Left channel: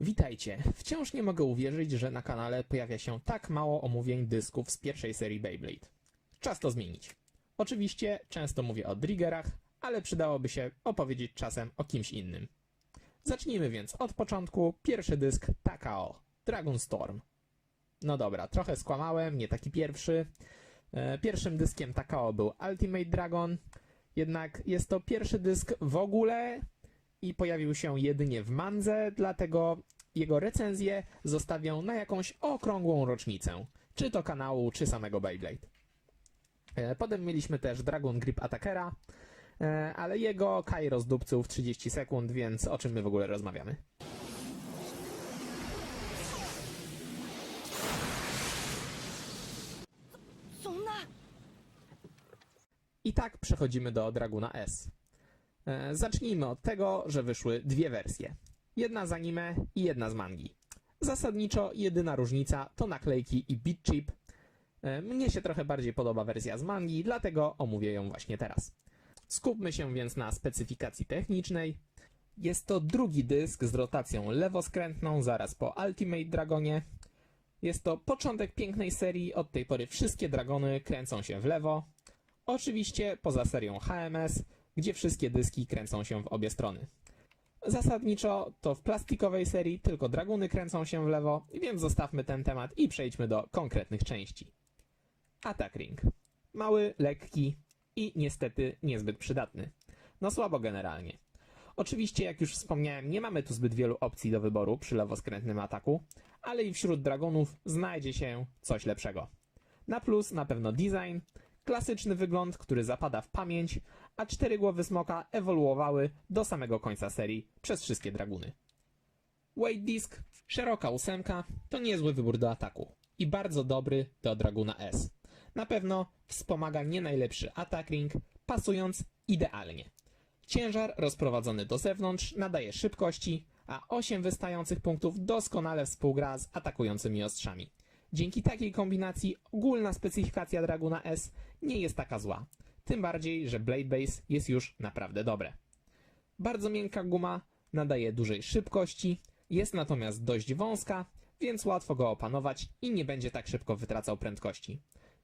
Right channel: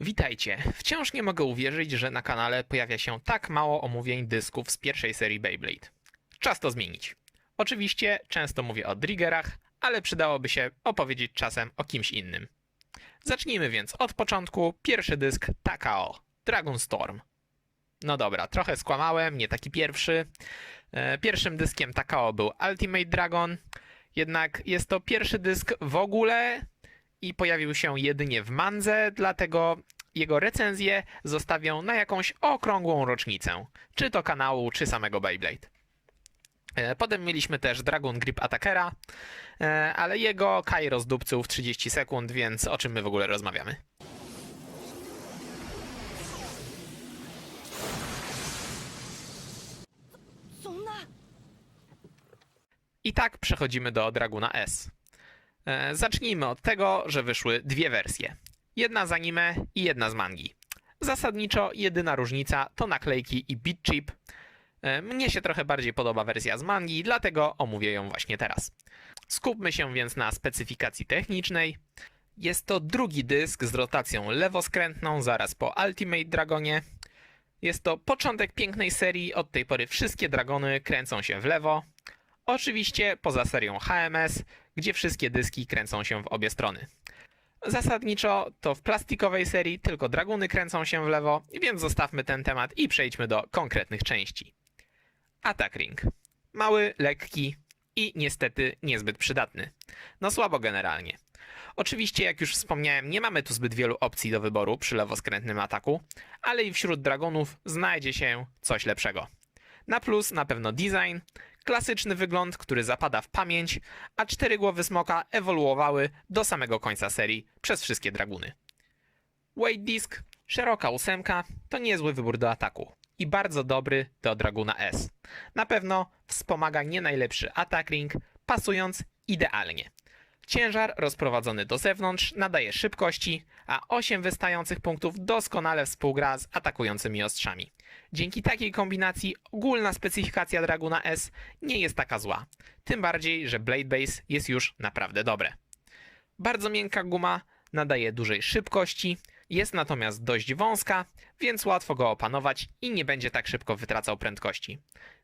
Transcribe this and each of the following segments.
Witajcie. Wciąż nie mogę uwierzyć, że na kanale pojawia się tak mało omówień dysków z pierwszej serii Beyblade. Czas to zmienić. Oczywiście często mówię o Driggerach, ale przydałoby się opowiedzieć czasem o kimś innym. Zacznijmy więc od początku. Pierwszy dysk Takao, Dragon Storm. No dobra, trochę skłamałem, nie taki pierwszy. E, Pierwszym dyskiem Takao był Ultimate Dragon, jednak jest to pierwszy dysk w ogóle i pojawił się jedynie w Mandze, dlatego jego recenzję zostawię na jakąś okrągłą rocznicę, czy to kanału, czy samego Beyblade. E, Potem mieliśmy też Dragon Grip Attackera, e, ale jego Kai rozdupcył w 30 sekund, więc o czym my w ogóle rozmawiamy? I tak przechodzimy do Draguna S. E, zacznijmy od tego, że wyszły dwie wersje. Jedna z anime i jedna z mangi. Zasadniczo jedyna różnica to naklejki i beat chip. E, mnie się trochę bardziej podoba wersja z mangi, dlatego omówię ją właśnie teraz. Skupmy się więc na specyfikacji technicznej. Jest to drugi dysk z rotacją lewoskrętną zaraz po Ultimate Dragonie. Jest to początek pięknej serii, od tej pory wszystkie dragony kręcą się w lewo, Oczywiście poza serią HMS, gdzie wszystkie dyski kręcą się w obie strony. Zasadniczo to w plastikowej serii tylko draguny kręcą się w lewo, więc zostawmy ten temat i przejdźmy do konkretnych części. Attack Ring. Mały, lekki i niestety niezbyt przydatny. No słabo generalnie. Oczywiście, jak już wspomniałem, nie mamy tu zbyt wielu opcji do wyboru przy lewoskrętnym ataku, ale i wśród dragonów znajdzie się coś lepszego. Na plus na pewno design, klasyczny wygląd, który zapada w pamięć, a cztery głowy smoka ewoluowały do samego końca serii przez wszystkie draguny. Weight Disc, szeroka ósemka, to niezły wybór do ataku i bardzo dobry do Draguna S. Na pewno wspomaga nie najlepszy atak ring, pasując idealnie. Ciężar rozprowadzony do zewnątrz nadaje szybkości, a 8 wystających punktów doskonale współgra z atakującymi ostrzami. Dzięki takiej kombinacji ogólna specyfikacja Draguna S nie jest taka zła. Tym bardziej, że Blade Base jest już naprawdę dobre. Bardzo miękka guma nadaje dużej szybkości, jest natomiast dość wąska, więc łatwo go opanować i nie będzie tak szybko wytracał prędkości.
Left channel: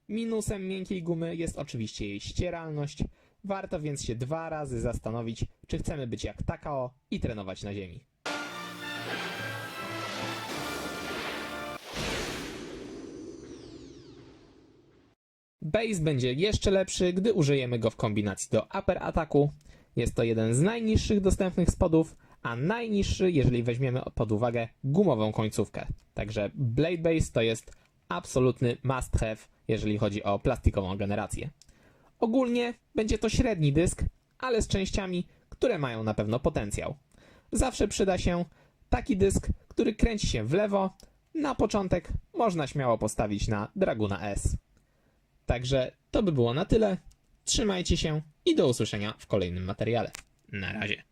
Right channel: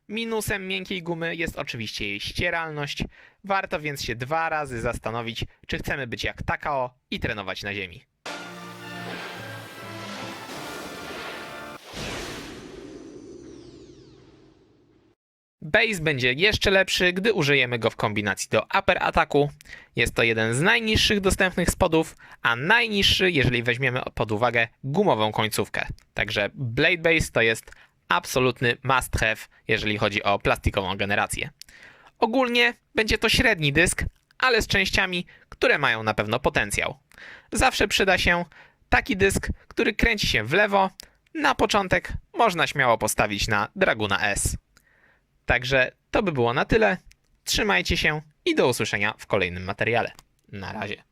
Minusem miękkiej gumy jest oczywiście jej ścieralność, warto więc się dwa razy zastanowić, czy chcemy być jak Takao i trenować na ziemi. Base będzie jeszcze lepszy, gdy użyjemy go w kombinacji do upper ataku. Jest to jeden z najniższych dostępnych spodów, a najniższy, jeżeli weźmiemy pod uwagę gumową końcówkę. Także Blade Base to jest absolutny must have, jeżeli chodzi o plastikową generację. Ogólnie będzie to średni dysk, ale z częściami, które mają na pewno potencjał. Zawsze przyda się taki dysk, który kręci się w lewo. Na początek można śmiało postawić na Draguna S. Także to by było na tyle. Trzymajcie się i do usłyszenia w kolejnym materiale. Na razie.